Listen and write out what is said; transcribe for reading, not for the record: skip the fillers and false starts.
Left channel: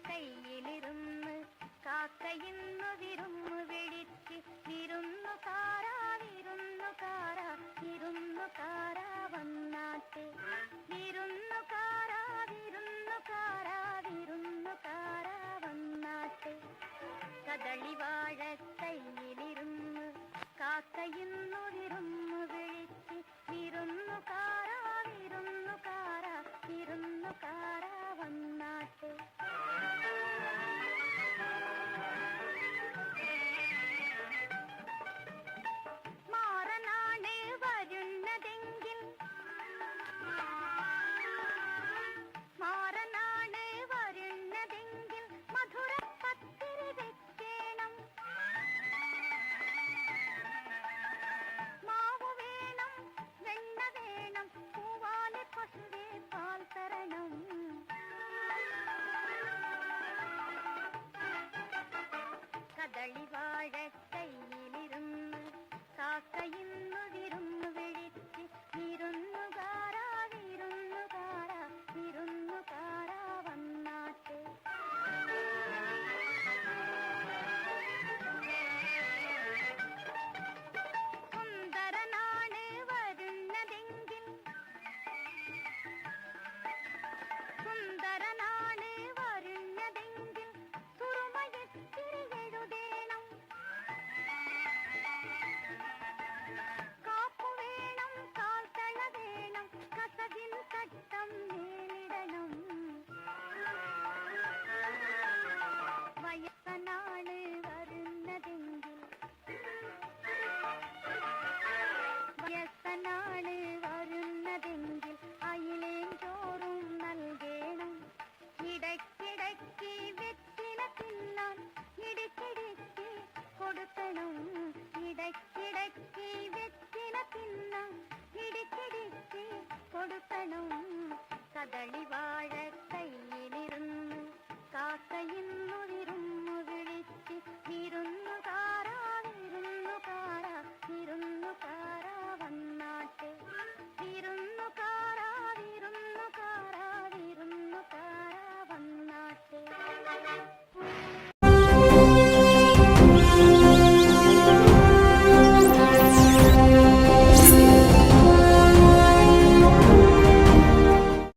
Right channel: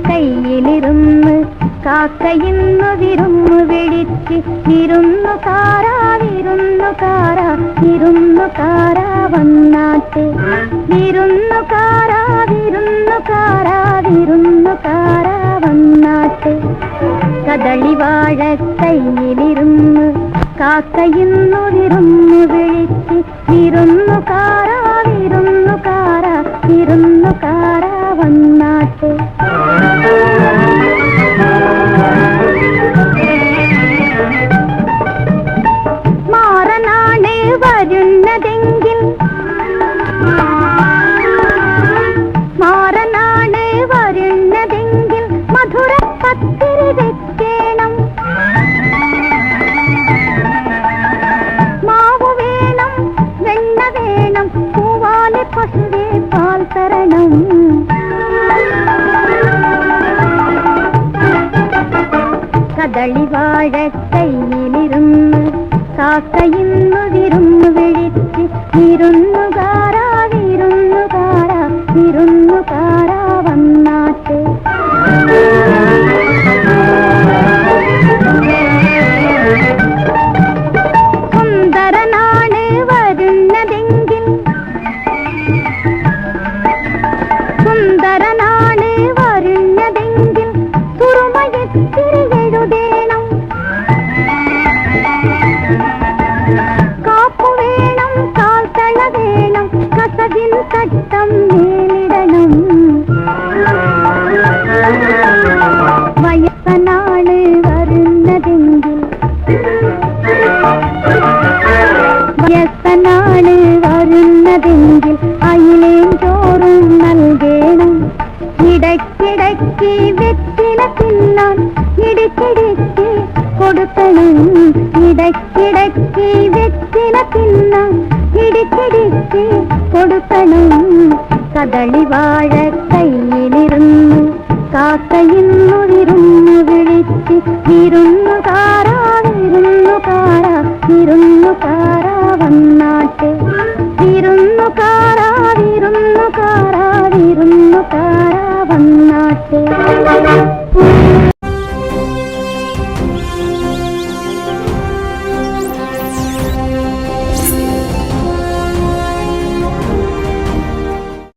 കദളിവാഴക്കൈയിലിരുന്ന് കാക്കയിന്നു വിരുന്നു വിളിച്ച് വിരുന്നുകാരാ വിരുന്നുകാരാ വിരുന്നുകാരാ വന്നാട്ടെ വിരുന്നുകാരാ വിരുന്നുകാരാ വിരുന്നുകാരാ വന്നാട്ടെ കദളിവാഴക്കൈയിലിരുന്ന് കാക്കയിന്നു വിരുന്നു വിളിച്ച് വിരുന്നുകാരാ വിരുന്നുകാരാ വിരുന്നുകാരാ വന്നാട്ടെ മാറനാണ് വരുന്നതെങ്കിൽ മാറനാണ് വരുന്നതെങ്കിൽ മധുര പത്തിരി വെക്കണം മാവ് വേണം വെണ്ണ വേണം പൂവാലെ പശുവേ പാൽ തരണം കദളിവാഴക്കൈയിലിരുന്ന് കാക്കയിന്നു വിരുന്നു വിളിച്ച് വിരുന്നുകാരാ വിരുന്നുകാരാ വിരുന്നുകാരാ വന്നാട്ടെ സുന്ദരനാണ് വരുന്നതെങ്കിൽ സുന്ദരനാണ് വരുന്നതെങ്കിൽ സുറുമയെത്തിരി എഴുതേണം കാപ്പു വേണം കാൽത്തള വേണം കസവിൻ തട്ടം മേലിടണം വയസ്സനാണ് വരുന്നതെങ്കിൽ വയസ്സനാണ് വരുന്നതെങ്കിൽ അയിലേം ചോറും നൽകേണം ഇടയ്ക്കിടയ്ക്ക് വെറ്റില തിന്നാൻ ഇടയ്ക്കിടയ്ക്ക് കൊടുക്കണം ഇടയ്ക്കിടയ്ക്ക് വെറ്റില തിന്നാൻ ഇടയ്ക്കിടയ്ക്ക് കൊടുക്കണം കദളിവാഴക്കൈയിലിരുന്ന് കാക്കയിന്നു വിരുന്നു വിളിച്ച് വിരുന്നുകാരാ വിരുന്നുകാരാ